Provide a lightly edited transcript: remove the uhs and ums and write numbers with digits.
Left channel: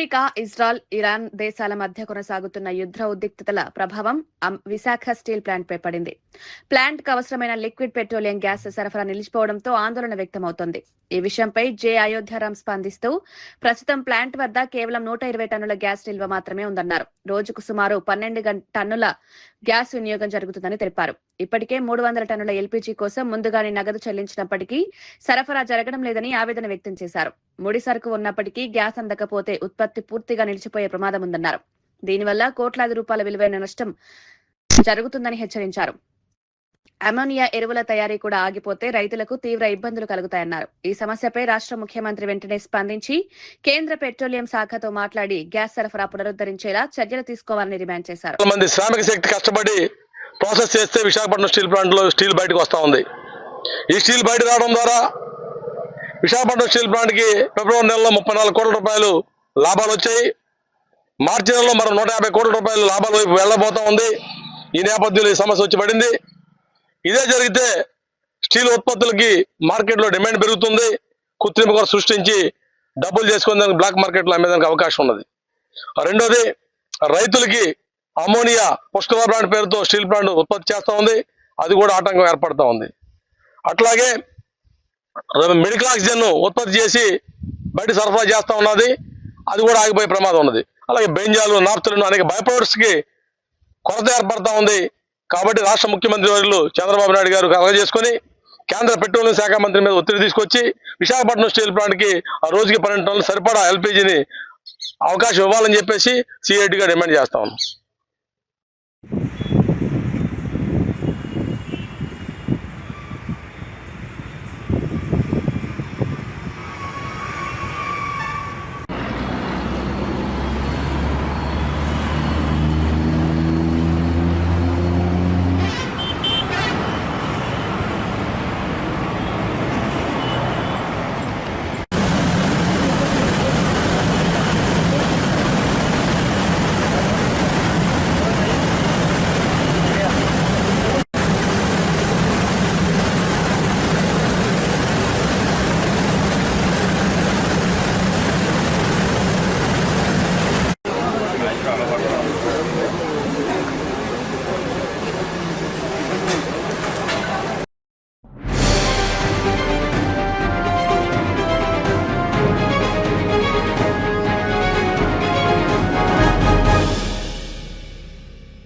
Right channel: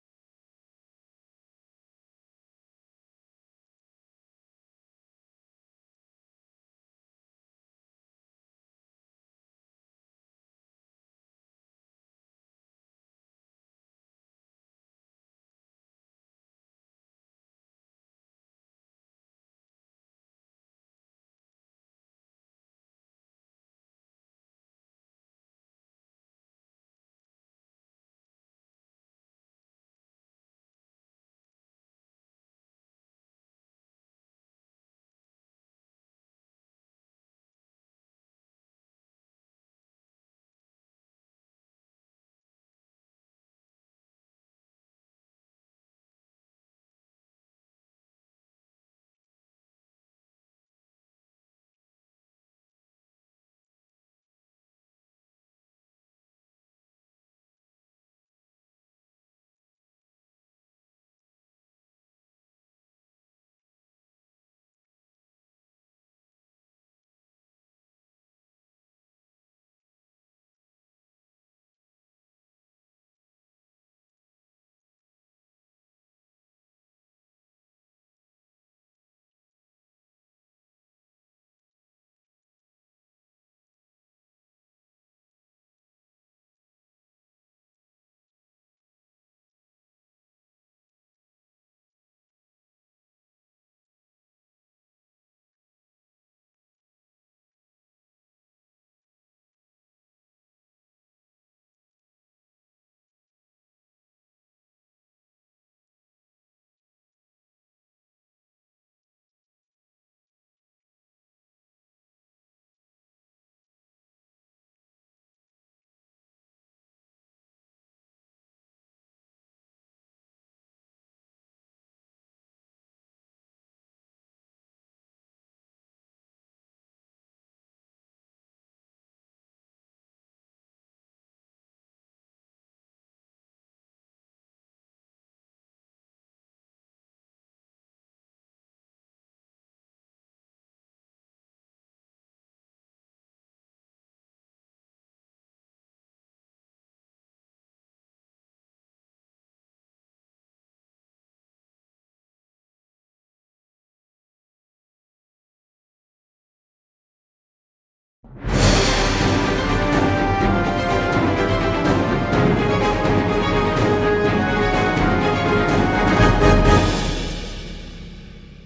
America, Israel, Iran దేశాల మధ్య కొనసాగుతున్న యుద్ధ ఉద్రిక్తతల ప్రభావం విశాఖ స్టీల్ ప్లాంట్పై పడింది. ప్లాంట్కు అవసరమైన లిక్విడ్ పెట్రోలియం గ్యాస్ సరఫరా నిలిచిపోవడంతో ఆందోళన వ్యక్తమవుతోంది. ఈ విషయంపై జె. అయోధ్యారాం స్పందిస్తూ ప్రస్తుతం ప్లాంట్ వద్ద కేవలం 120 టన్నుల గ్యాస్ నిల్వ మాత్రమే ఉందన్నారు. రోజుకు సుమారు 12 టన్నుల గ్యాస్ వినియోగం జరుగుతుందని తెలిపారు. ఇప్పటికే 300 టన్నుల ఎల్పీజీ కోసం ముందుగానే నగదు చెల్లించినప్పటికీ సరఫరా జరగడం లేదని ఆవేదన వ్యక్తం చేశారు. ముడి సరుకు ఉన్నప్పటికీ గ్యాస్ అందకపోతే ఉత్పత్తి పూర్తిగా నిలిచిపోయే ప్రమాదం ఉందన్నారు. దీనివల్ల కోట్లాది రూపాయల విలువైన నష్టం జరుగుతుందని హెచ్చరించారు. అమోనియా ఎరువుల తయారీ కూడా ఆగిపోతే రైతులకు తీవ్ర ఇబ్బందులు కలుగుతాయన్నారు. ఈ సమస్యపై రాష్ట్ర ముఖ్యమంత్రి వెంటనే స్పందించి కేంద్ర పెట్రోలియం శాఖతో మాట్లాడి గ్యాస్ సరఫరా పునరుద్ధరించేలా చర్యలు తీసుకోవాలని డిమాండ్ చేశారు. మంది శ్రామిక శక్తి కష్టపడి ప్రాసెస్ చేస్తే విశాఖపట్నం స్టీల్ ప్లాంట్ లో స్టీల్ బయటకు వస్తా ఉంది. ఈ స్టీల్ బయట రావడం ద్వారా విశాఖపట్నం స్టీల్ ప్లాంట్ కి ఫిబ్రవరి నెలలో 34 కోట్ల రూపాయలు లాభాలు వచ్చాయి. మార్చి నెలలో మరో 150 కోట్ల రూపాయలు లాభాల వైపు వెళ్లబోతా ఉంది. ఈ నేపథ్యంలో ఈ సమస్య వచ్చి పడింది. ఇదే జరిగితే స్టీల్ ఉత్పత్తులకి మార్కెట్లో డిమాండ్ పెరుగుతుంది. కృత్రిమ కొరత సృష్టించి డబ్బులు చేసుకునేందుకు బ్లాక్ మార్కెట్లో అమ్మేదానికి అవకాశం ఉన్నది. రెండోది, రైతులకి అమోనియా పుష్కర ప్లాంట్ పేరుతో స్టీల్ ప్లాంట్ ఉత్పత్తి చేస్తూ ఉంది. అది కూడా ఆటంకం ఏర్పడతా ఉంది. అట్లాగే మెడికల్ ఆక్సిజన్ ఉత్పత్తి చేసి బయట సరఫరా చేస్తూ ఉన్నది. అది కూడా ఆగిపోయే ప్రమాదం ఉన్నది. అలాగే బెంజాలు, నాఫ్తలిన్ అనేక బై ప్రొడక్ట్స్ కి కొరత ఏర్పడతా ఉంది. కాబట్టి రాష్ట్ర ముఖ్యమంత్రి వర్యులు చంద్రబాబు నాయుడు గారు కలగ చేసుకుని కేంద్ర పెట్రోలియం శాఖ మంత్రి మీద ఒత్తిడి తీసుకొచ్చి విశాఖపట్నం స్టీల్ ప్లాంట్ కి ఆ రోజుకి 12 టన్నులు సరిపడా ఎల్పీజీని అవకాశం ఇవ్వాలని చెప్పేసి సిఐటిగా డిమాండ్ చేస్తా ఉన్నాం.